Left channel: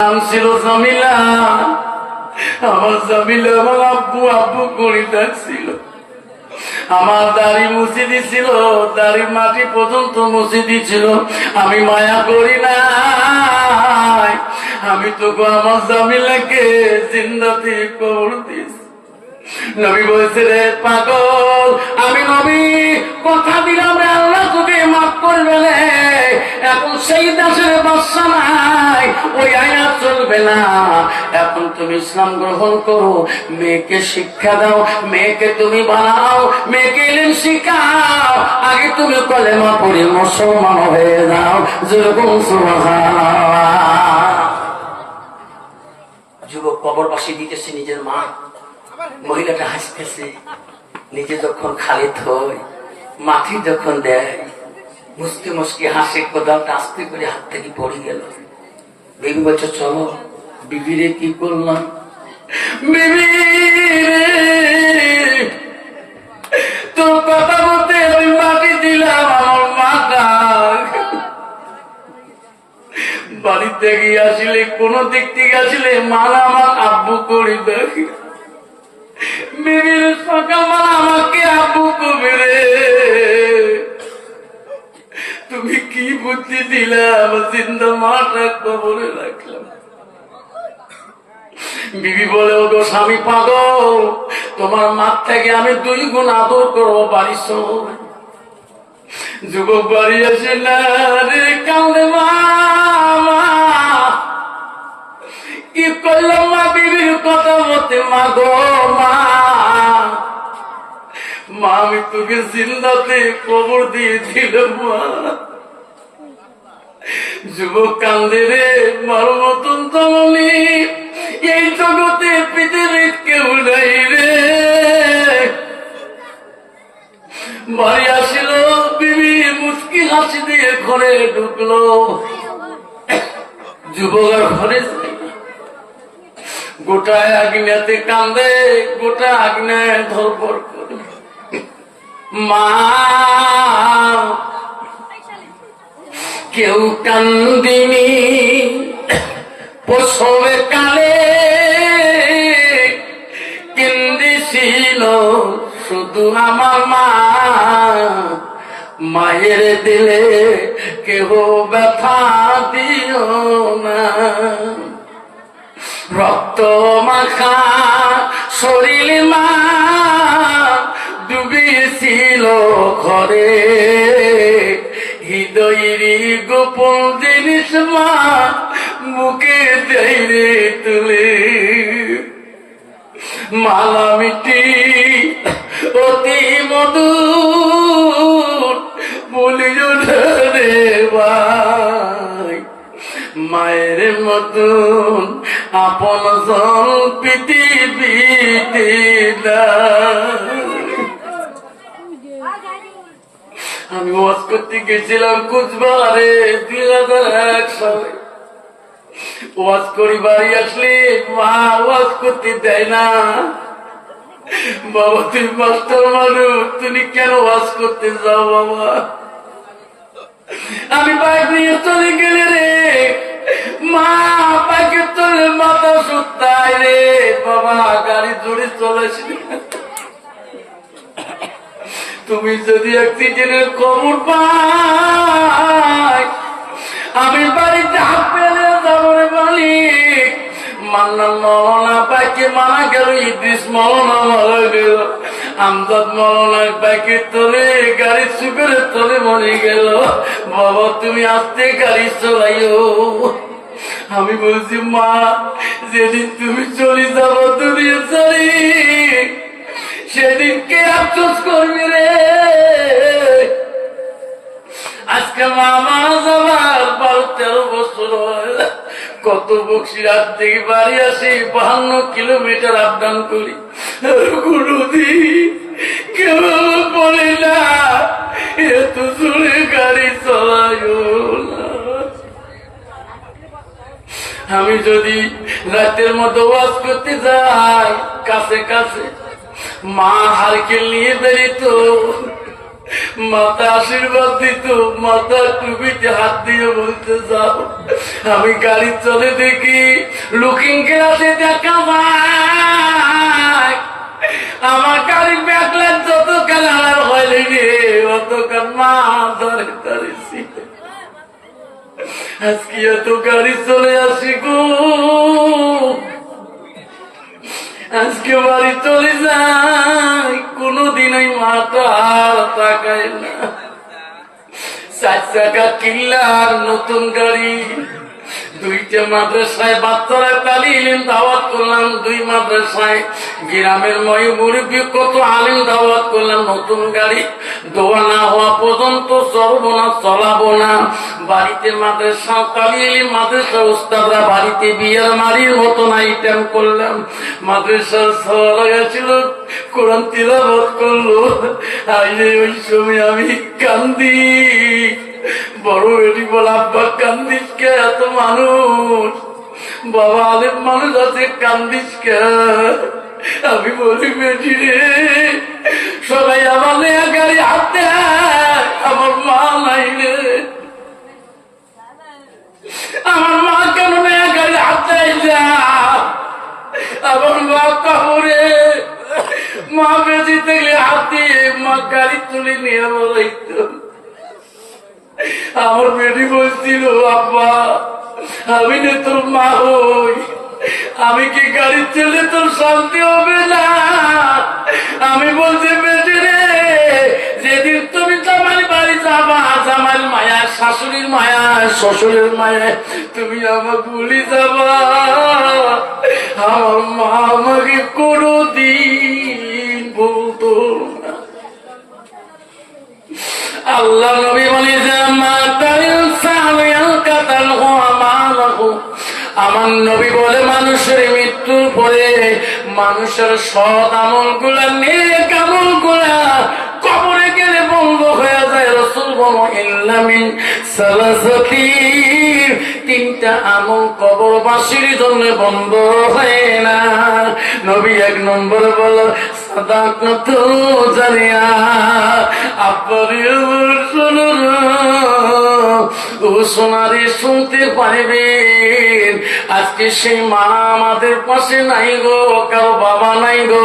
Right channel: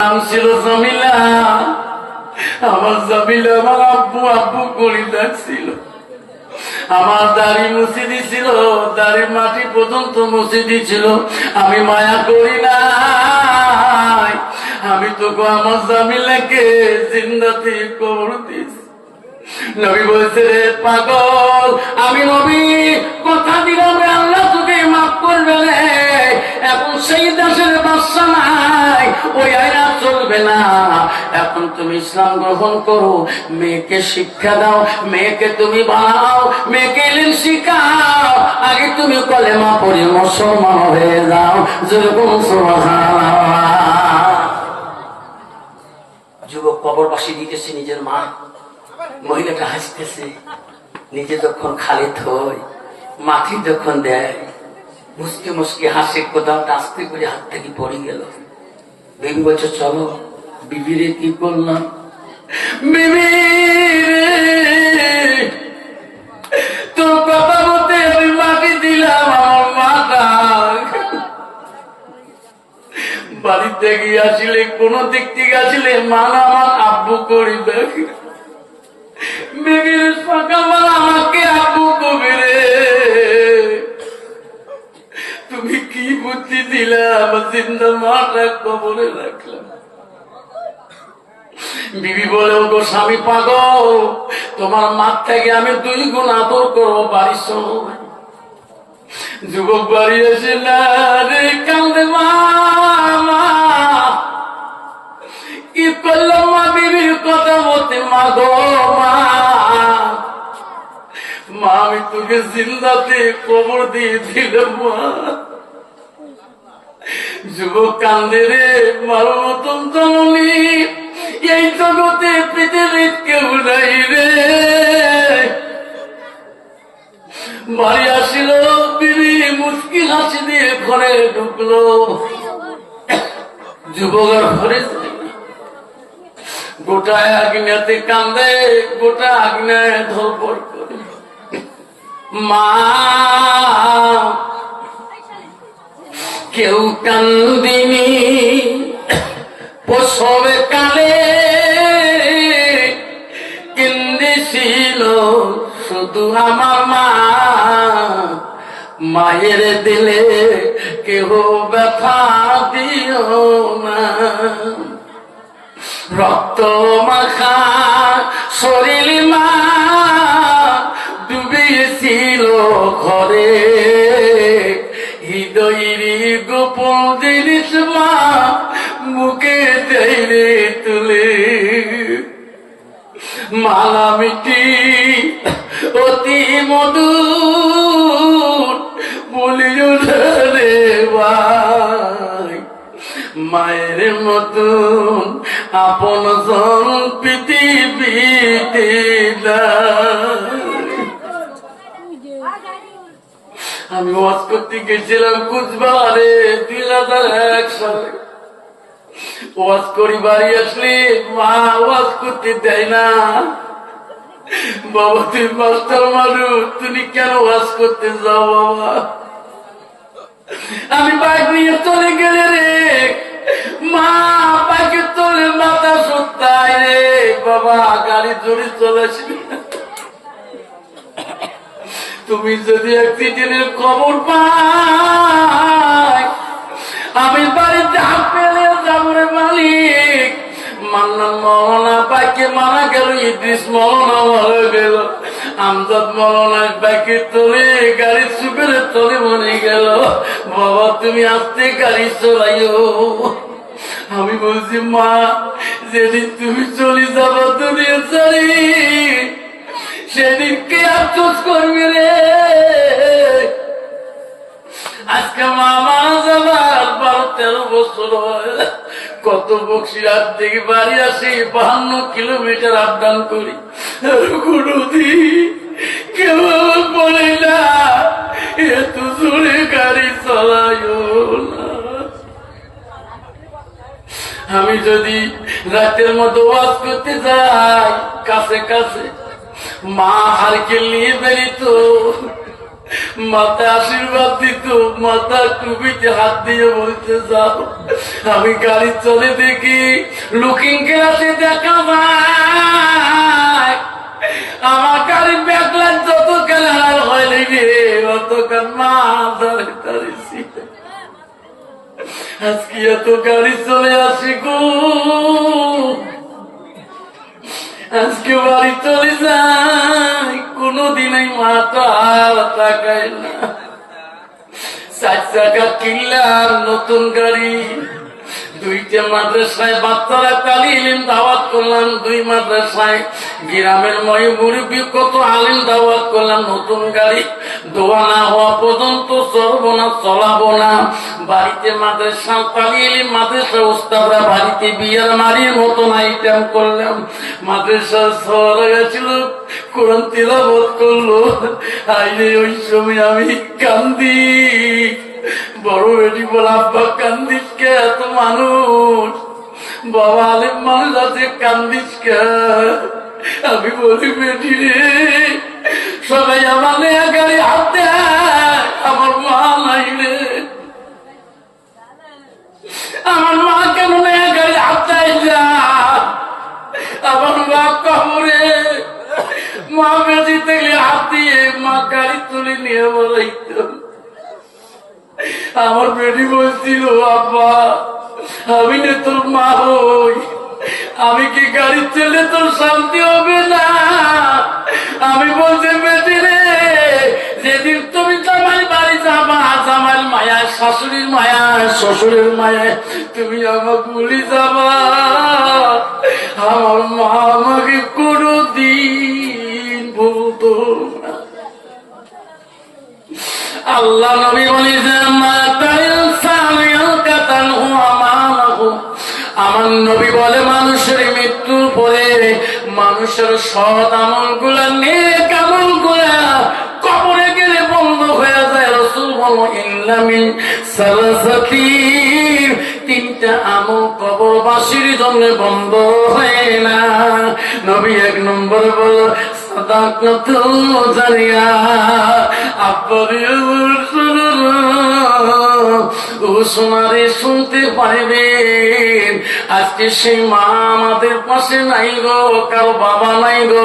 নাম ছিল জামিলা। আমার জামিলা আমার আব্বু আব্বু করে ডাকছিল। আমার দাড়ি মুছে দিছিল, দাড়ির মাটি পর্যন্ত মুছে দিছিল। আমি মায়া করি না, আমি তোকে আমার জামিলাকে জিন্দাতে কবর দিস। নবী বলছে, রে পাগল, আমি নবী কথা দিলাম রে আল্লাহ তোকে মাফ করবে না। এখন সেই দেশের বাদশা নাই, ওই আয়াত চলবে না। এখন তুমি ইসলাম গ্রহণ করো, মেয়েকে শিক্ষা দাও, মেয়েকে তুমি বানাও, মেয়েকে ইলম শিখাও। আগে তুমি কলেমা পড়ে মুসলমান হয়ে যাও। যেরকম সুবহানাল্লাহ। যুবক কবর পাশে দিতেছে নিজের মা, মহিলাটা হাসতেছে। নিজে যখন খালি থই মাটি যখন দেয়, মুসকে মুসকে হাসে, কোদালটা আস্তে করে হাত থেকে পড়ে গেল। বিবি বলছে, চলো। বিবিরে কি করলাম? বিবি তোর কথা বলতে আমি মাটি দিলাম, আমার মাটা বাড়িতে গিয়ে আসলে কোন দিক থেকে আসলে মানা আমার আব্বু করি দেখি। বিবির সকালবেলা আমাকে আব্বু কবে রে, তুমি কি বুদ্ধি দিলা? আমার জিন্দা মাটা কবরে রাখলাম। বিবি বলে, ও গো স্বামী পাগল, তোমার মার থেকে আমি 2 গুণ আদর করবো, বাড়ি চলো। যুবক বাড়ি আসে না রে, কান্দে মা, কি করলাম মা? বিবির কথা মতে মা গো মা, আমি তোকে জিন্দাতে কবর দিয়ে দিলাম মা। যুবক কান্দে রে, মার মতন জননী এই জগতে পৃথিবীর কেউ নাই রে। বাড়ি আসিল, বিবি মুশকিল হাসি দিয়ে ঘরে ঢুকলো। যুবকের ঘরে গোটা আগ্নেয়াতে কান্দে, গোটা আগ্নেয় ধরপর করে। মা কেউ কান্দিনি প্রসবে কালে, কেন্দিছিল শুধু আমার মা। মায়ের দিলে কেহ ব্যথা দিও না। রক্ত মাখা শরীর মা ডুবিয়েছিল ঘরে, হৃদয়ের গোপন জিনিস মা মুখে দেয় তুলে। মালা মিটি অতি মধুর বলিও রে ভাই, মায়ের মতন আপন জন পৃথিবীতে নাই। আমি ওয়াজ করতে গেছিলাম কুচবিহারে 2001 সালে। ওয়াজ করি বাড়ি আসলে মা ওয়াজ করতে দেয় না। বাবা তুই মাস্টার মানুষ, তুমি কেন ওয়াজ করতে যাও বাবা? আমি বাইক নিয়ে চলে গেলে রে মা, বাইকের চলে মাথা সুতায় রে বাবা, গাড়ি জোরে চলেছি। তুমি যদি অ্যাক্সিডেন্টের খবর পাই, আমি বাড়িতে হাত পেলে যাবো রে মালিক। মান্নান মৌলানা বাইকে মারা গেল, ইদ্রিস মৌলানা মারা গেল, আমজাদ মৌলানার বাইকের তলে, গাড়ির সুপের তলে মনে গেল। বাবা তুমি আস্তে গাড়ি চলাইও। আমি বলছি মা, যেদিন তুমি চলে যাবো দুনিয়া ছাড়ি, সেদিন কে আফসোস করবি রে? আজকে মা মারা যাবার 12-13 বছর হয়। কত বক্সিরাত থেকে বাড়ি আসি, 52 কিলোমিটার আপ ডাউন করি। কোনদিন কেউ বলে না এত জোরে গাড়ি চালাইও না। আমি যদি রাতের মতো ওয়াজ করতে যাই, কাছে কাছে মা হারকেল নিয়ে বেরিত, মাথা আশীর্বাদ দিত, মাথা টুপিতে হাত দিয়ে বলতে যাও আমি গাড়ি চলে দেখি লুকিং গ্লাসে দেখা যায় আমার গাড়ি ব্যাকলাইট যত কালার হয়নি রে অতকাল মা দাঁড়িয়ে দাঁড়িয়েছি। আজকে এত গাড়ি চলে আসি গো, আজকে বাড়ি চলে যাই, কোনদিনই মাথা তাকায় না। 4 চাকা কিনলাম নতুন গাড়ি, 2টা মাদ্রাসায় বাচ্চারা তালিম দাওয়াত করলাম, 2 মাদ্রাসায় গ্রামের ময় মুরব্বী কত আলিম দাওয়াত করলাম। নতুন গাড়ি দোয়া না হওয়া পর্যন্ত চলবো না, চলাবো না। বাড়িতে মাদ্রাসা তালিম, মাদ্রাসা উস্তাদরা বাড়িতে বিয়ের মারির মতন আইটেম করলাম। মাদ্রাসা সরা গেছিল, কোরআন তিলাওয়াত করলো। আইলে ওই সময় আমি কান্দি, বড় বেটি বলে আব্বা কান্দিস কে, এত মানুষ, বাবা আলেম মানুষ আছে কান্দিস কে। আমি বলি বেটি রে সবাই আমার নেয়া গাড়ি হাতে, আমার মা নাই রে, আমার মা কেন নেয়া গাড়ি হাতে আইলা, আমার মা কবরে, মা বেশি থেকে হাত দিয়ে মা গাড়ি তুলে নিয়ে বলাইতো। আমার বেটি বলছিল আব্বা আমি রে তোর মা হই, আমি কি গাড়ি চলে তোর শান্তি হবে না? আমি বলছি বেটি রে যেদিন তুমি জামাই বাড়ি যাবা, জামাইয়ের মায়া, শাশুড়ির মায়া, শ্বশুরের মায়া, তুমি আমাকে ভুলি যাবা, আমার মা আমাকে কোনদিন বলতো না। আল্লাহ নবী বলে যে আমার নবী বলে মানুষের মৃত্যুর পরে মানুষের সৎ আমল গুলা, নেক আমল গুলা কবরে গেলে বন্ধ হয়ে যায়। রাসূল বলো ইল্লামিন সালাসাতির, 3টা আমল কবরবাসীর জন্য বন্ধ হয় না। নবী 1 নম্বর বলো সাদাকাতুল জারিয়া, ও সোনারে শুনতে পাইবেন আজকে সেই মা আমাদের পাশে নাই গো, কারো বাবা নাই গো,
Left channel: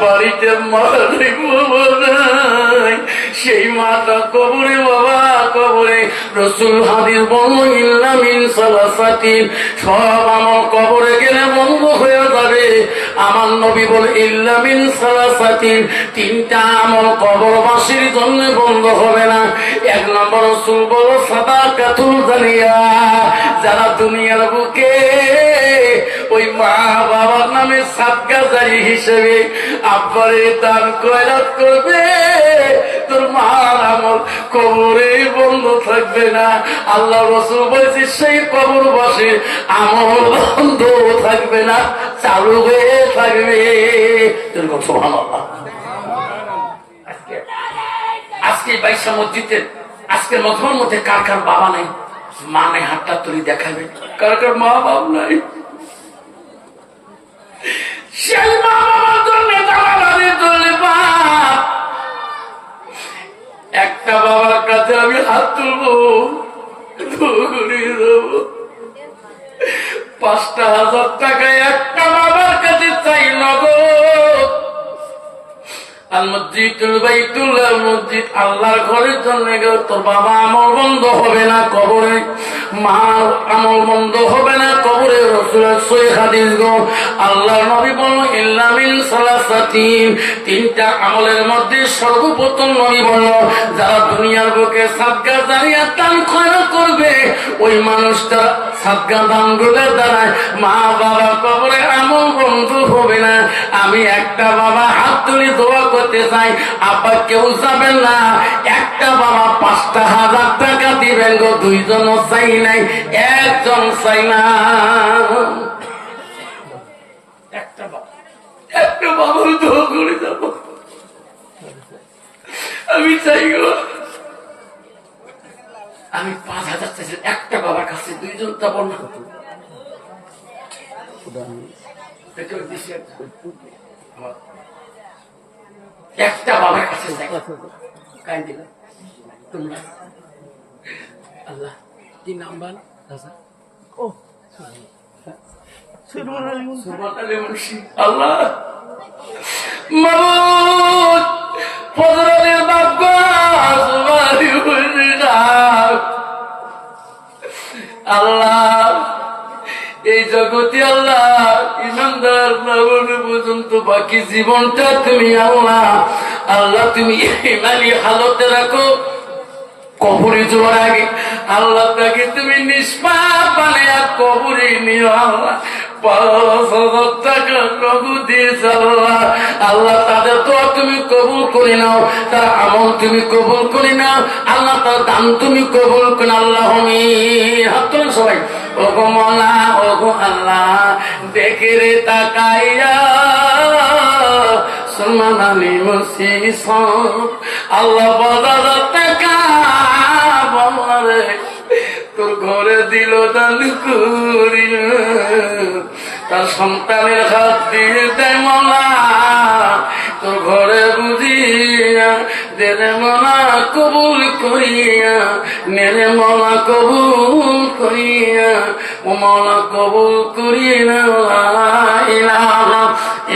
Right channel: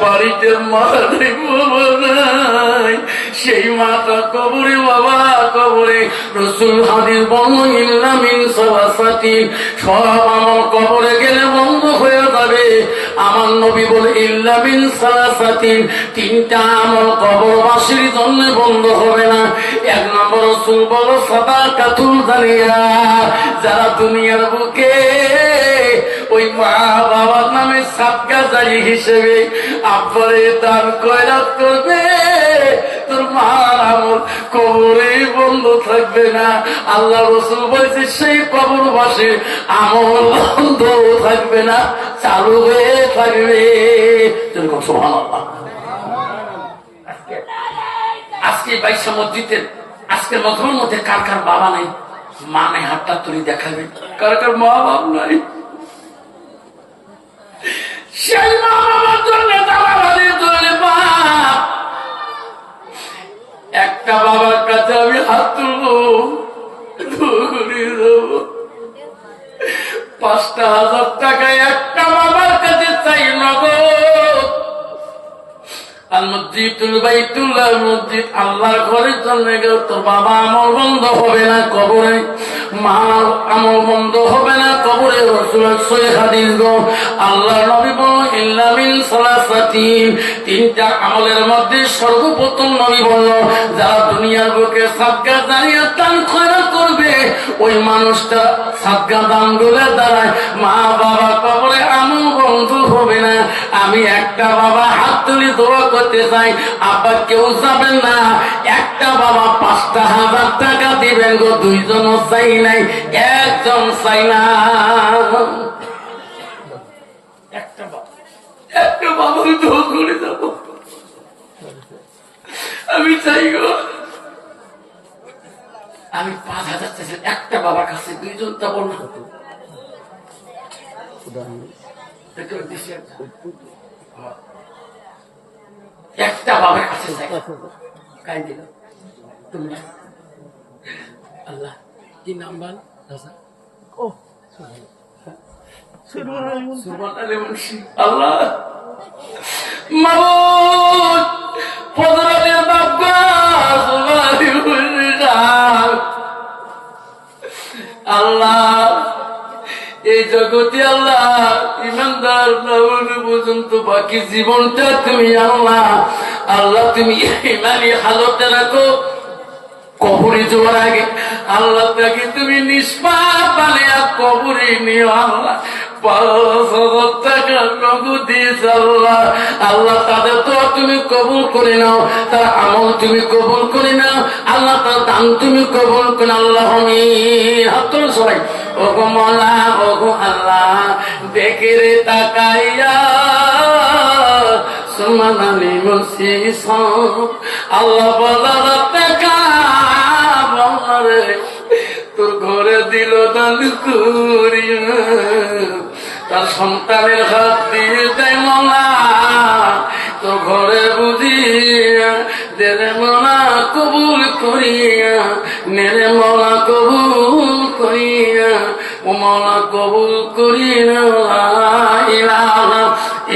বাড়িতে মা নাই, বাবা নাই, সেই মাটা কবরে, বাবা কবরে। রাসূল হাদিস বলল ইল্লা মিন সালাসাতিন, সব আমল কবরে গেলে বন্ধ হয়ে যাবে। আমার নবী বলে ইল্লা মিন সালাসাতিন, 3টা আমল কবরবাসীর জন্য বন্ধ হবে না। 1 নম্বর রাসূল বলো সাদাকাতুল জারিয়া, যারা দুনিয়ার বুকে ওই মা বাবার নামে সাদকা জারি হিসেবে আব্বারে দান খয়রাত করবে, তোর মার আমল কবরে বন্ধ থাকবে না। আল্লাহ রাসূল বলেছে সেই কবরবাসীর আমল বন্ধ থাকবে না, চালু হয়ে থাকবে। সুবহানাল্লাহ। আজকে 22 মসজিদের আজকের মজমার মধ্যে কার কার বাবা নাই, মা নাই, হাতটা তুলি দেখাবে। কার কার মা বাপ নাই, সেই মা বাবার জন্য দাঁড়াবাড়ি চলবা। একটা বাবার কাছে আমি হাত তুলবো, 5,000 টাকা একটা বাবার কাছে চাই না গো। আর মসজিদুল বাইতুল্লাহ, মসজিদ আল্লাহর ঘরের জন্য গেল তো বাবা আমল বন্ধ হবে না কবরে, মা আমল বন্ধ হবে না কবরে। রাসূলের সহিহ হাদিস গো, আল্লাহর নবী বলেন ইল্লা মিন সালাসাতিন, 3টা আমলের মধ্যে সর্বপ্রথম নবী বলল যারা দুনিয়ার বুকে সাদকা জারিয়া দান খয়রাত করবে, ওই মানুষটা সাদকা দান গুলো দ্বারায় মা বাবা কবরে আমল বন্ধ হবে না। আমি একটা বাবা হাত তুলে দোয়া করতে চাই, আব্বা কেউ যাবেন না, একটা বাবা 5,000 টাকা দিবেন গো, 2 জনও চাই নাই, 1 জন চাই না, একটা বাবার দোয়া করে যাব। আমি চাই গো, আমি 5,000 চাইছি, একটা বাবার কাছে 2 জন যাবো না। একটা বাবার কাছে কাই দিল তোমরা আল্লাহ কি নাম বল রাজা ও আল্লাহ মাবুদ ফজরের বাবা আল্লাহ এই জগতে আল্লাহ ইমানদার পর্যন্ত বাকি জীবনটা তুমি আল্লাহ আল্লাহ তুমি ইমানি হালতে রাখো। কবরে যাওয়ার আগে আল্লাহ তাকে তুমি নিষ্পাপ বানায়া কবরে নিও আল্লাহ। 5,000 টাকা নগদ দিয়েছে আল্লাহ। আল্লাহ তাদের তো তুমি কবুল করে নাও, তার আমল তুমি কবুল করে নাও আল্লাহ, তার দান তুমি কবুল করে আল্লাহ। হাত তোলেন সবাই। ওগো মৌলা ওগো আল্লাহ দেখে রে তাকাইয়া সোনালি মুসিস আল্লাহ বাজার টাকা বলে তোর ঘরে দিল দান করিয়া তার সন্তানের হাত দিয়ে দেয় মৌলা তোর ঘরে বুঝিয়া দেরে মৌলা কবুল করিয়া মেরে মৌলা কবুল করিয়া ও মৌলা কবুল করিয়া ইলাহা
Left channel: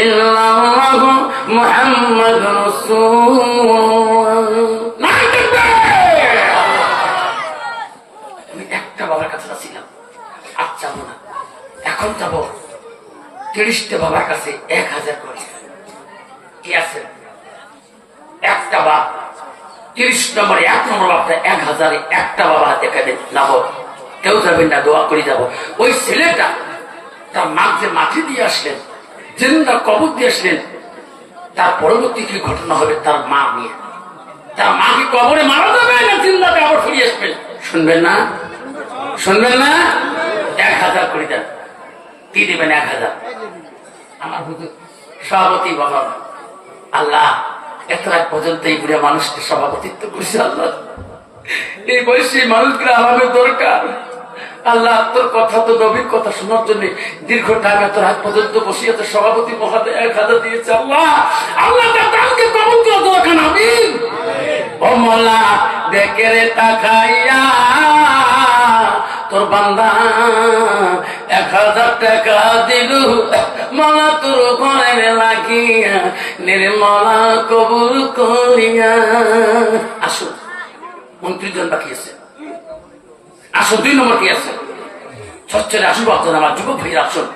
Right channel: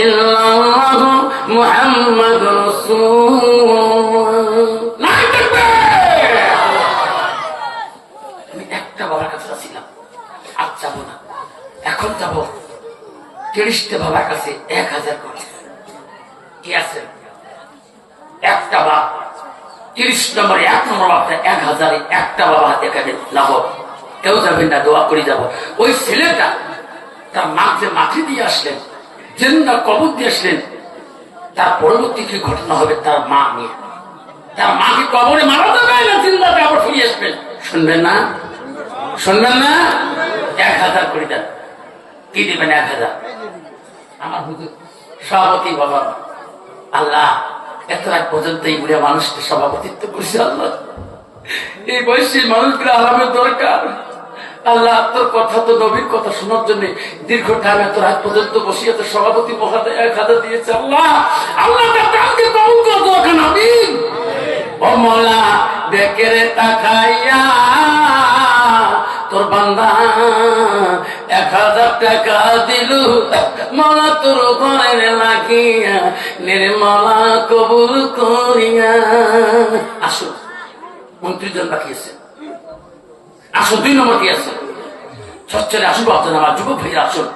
ইল্লাল্লাহু মুহাম্মাদুর রাসূলুল্লাহ। আমি একটা বাবার কাছে ছিলাম, আজ যাবো না, এখন যাবো 30টে বাবার কাছে 1000 করে কি আছে একটা বাপ 30 নম্বরে 1 নম্বর বাপটা 1000 একটা বাবা এখানে লাভ কেউ যাবেন না, দোয়া করে যাবো। ওই ছেলেটা তার মাকে মাটি দিয়ে আসলেন, জিন্দা কবর দিয়ে আসলেন, তার পরবর্তী কি ঘটনা হবে তার মা নিয়ে, তার মাকে কবরে মারা যাবে না জিন্দাটা আবার ফিরে আসবেন। শুনবেন না শুনবেন না 1000 করে দেন। কি দেবেন 1000? আমার হুজুর সভাপতি বললাম আল্লাহ এত এক পর্যন্ত এই বুড়া মানুষকে সভাপতিত্ব করছে আল্লাহ, এই বয়সী মানুষগুলো আরামের দরকার আল্লাহ। তোর কথা তো নবীর কথা শোনার জন্য দীর্ঘ টাইম এত রাত পর্যন্ত বসিয়ে তো সভাপতি মহাদয় 1000 দিয়েছে আল্লাহ। আল্লাহ তাকে কবুল করে দাও কেন আমিন। ও মোলা দেখে রে তাকাইয়া তোর বান্দা 1000 টাকা দিল মালা তোর ঘরে লাগিয়া নির্মলা কবুল করিয়া। আসুন 29 জন বাকি আছে, আসুন 2 নম্বর কি আছে সচ্চরে আসুন আপনার আমার যুবক ভাইয়ের আসুন।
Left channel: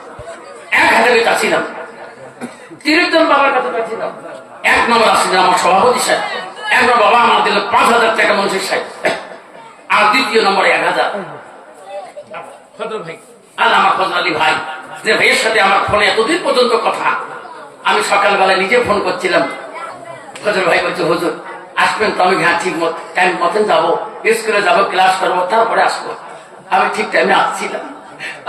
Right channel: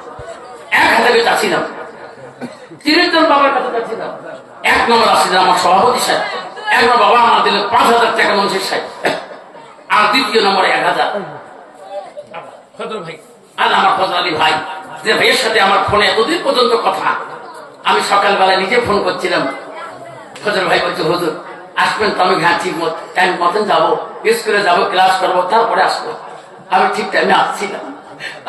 1000 চাচ্ছিলাম 30 জন বাবার কাছে চাচ্ছিলাম। 1 নম্বর আসছিলেন আমার সভাপতি সাহেব, 1 নম্বর বাবা আমার দিল 5000 টাকা মন্ত্রী সাহেব, আর 2য় নম্বরে 1000 ফজল ভাই আল্লাহ আমার ফজল আলী ভাই যে ভাইয়ের সাথে আমার ফোনে এতদিন পর্যন্ত কথা। আমি সকালবেলায় নিজে ফোন করছিলাম, ফজল ভাই বলছে হুজুর আসবেন তো? আমি হ্যাঁ ঠিক টাইম মতন যাবো, স্কুলে যাবো, ক্লাস করবো, তারপরে আসবো। আমি ঠিক টাইমে আসছিলাম।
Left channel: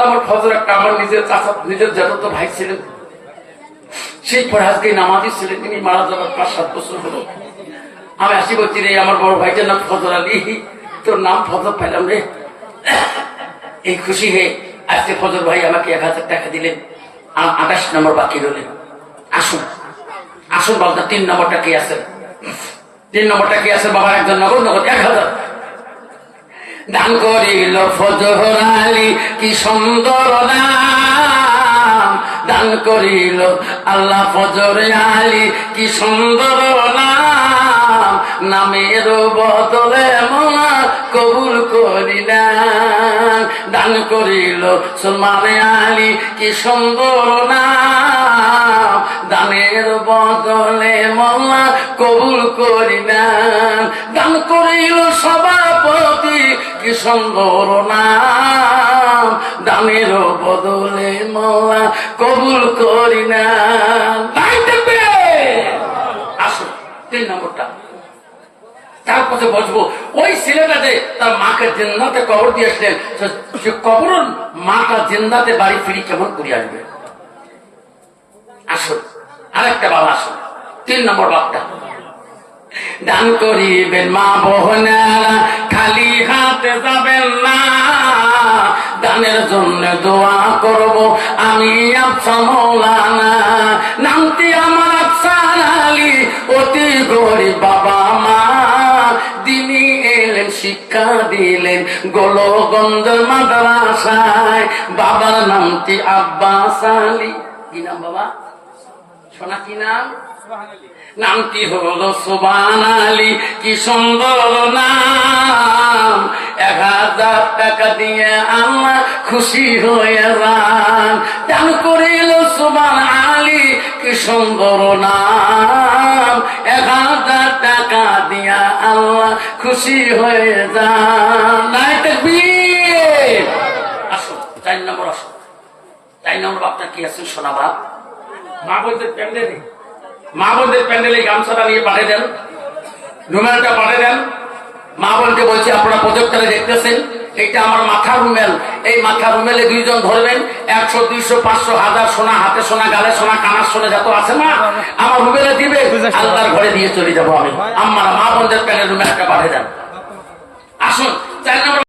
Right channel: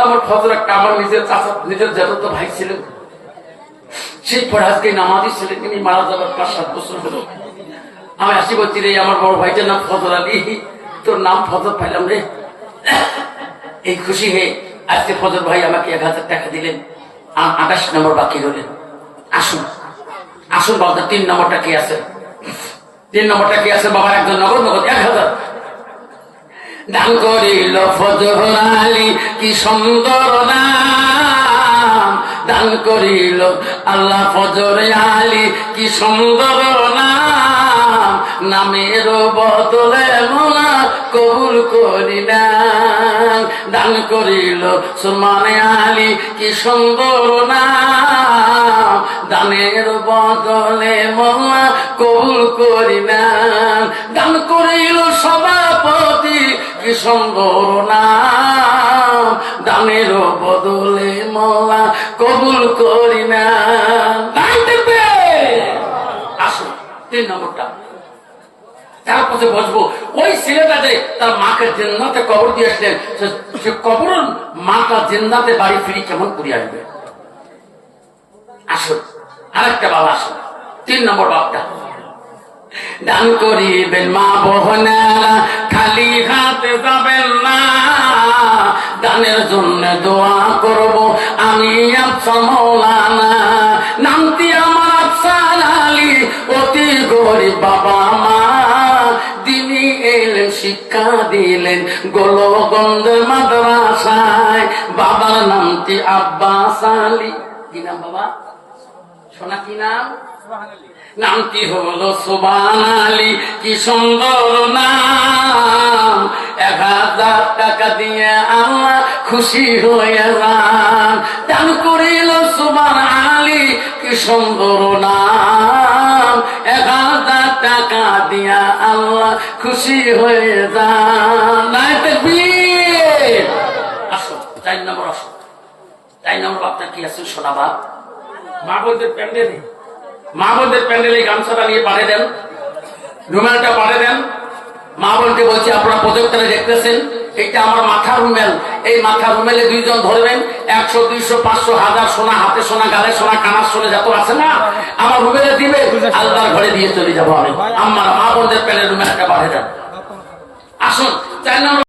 আমার ফজল একটা আমার নিজের চাচা নিজের যত ভাই ছিলেন, সেই পরে আজকে নামাজি ছিলেন, তিনি মারা যাবার 5-7 বছর হলো। আমি আসি বলছি রে আমার বড় ভাইটার নাম ফজল আলী, তোর নাম ফজল পাইলাম রে। এই খুশি হয়ে আজকে ফজল ভাই আমাকে 1000 টাকা দিলেন, 28 নম্বর বাকি হলেন। আসুন আসুন বাবা 3 নম্বরটা কি আছে? 3 নম্বরটা কি আছে বাবার? একজন নগদ নগদ 1000 দান করিল ফজল আলী কি সুন্দর নাম, দান করিল আল্লাহ ফজল আলী কি সুন্দর নাম, নামের বদলে মোলা কবুল করিলেন। দান করিল সুলমান আলী কি সুন্দর নাম, দানের বদলে মোলা কবুল করিলেন। দান করিল সভাপতি কি সুন্দর নাম, দানের বদলে মোলা কবুল করিলেন। আসুন 3 নম্বরটা তারপরে বসবো। ওই ছেলেটা যে তার মাকে জিন্দাতে কবর দিয়ে আসলেন, সে কবর মাটা জিন্দাতে বাড়ি ফিরি কেমন করে আসবে? আসুন আরেকটা বাবা, আসুন 3 নম্বর বাপটা। দান করিবেন মা বোনেরা খালি হাতে যাবেন না, দানের জন্য দোয়া করব আমি আফসার মৌলানা। নামটি আমার আফসার আলী, অতি গরিব বাবা মা, দিনী দিলেন গোলগঞ্জ মাদ্রাসায়। বাবার নামটি আব্বাস আলী। কি নাম বাবা? শোনা কি নাম? নাম কি হলো সুবহান আলী। কি সুন্দর নাম। 1000 টাকা দিয়ে আল্লাহ খুশি হয়ে দান করিল সুবহান আলী। কি সুন্দর নাম। 1000 টাকা দিয়া আল্লাহ খুশি হয়ে নাই তাকবীর। আসো 4 নম্বর আসো। 4 নম্বর বাপটা কি আছে শোনা বাপ? মা বলতে প্যান্ডেলে, মা বোনদের প্যান্ডেলে গামছাটা নিয়ে পাঠিয়ে দেন, রুমালটা পাঠিয়ে দেন। মা বোনকে বলছি আপনারা প্রজেক্টরে দেখতেছেন, এটা আমার মাথার রুমেল। এই মাথার রুমেলে 2 জন ধরবেন। 100, 200, 500, 1000 সোনা, হাতে সোনা, গালে সোনা, কানার সোনা যত আছে না আমার রুমেলে দিবে। আল্লাহর ঘরে দিয়ে চলে যাবো আমি। আমার মা বোনদের প্যান্ডেল রুমেলটা পাঠিয়ে দেন। আসুন 4 নম্বর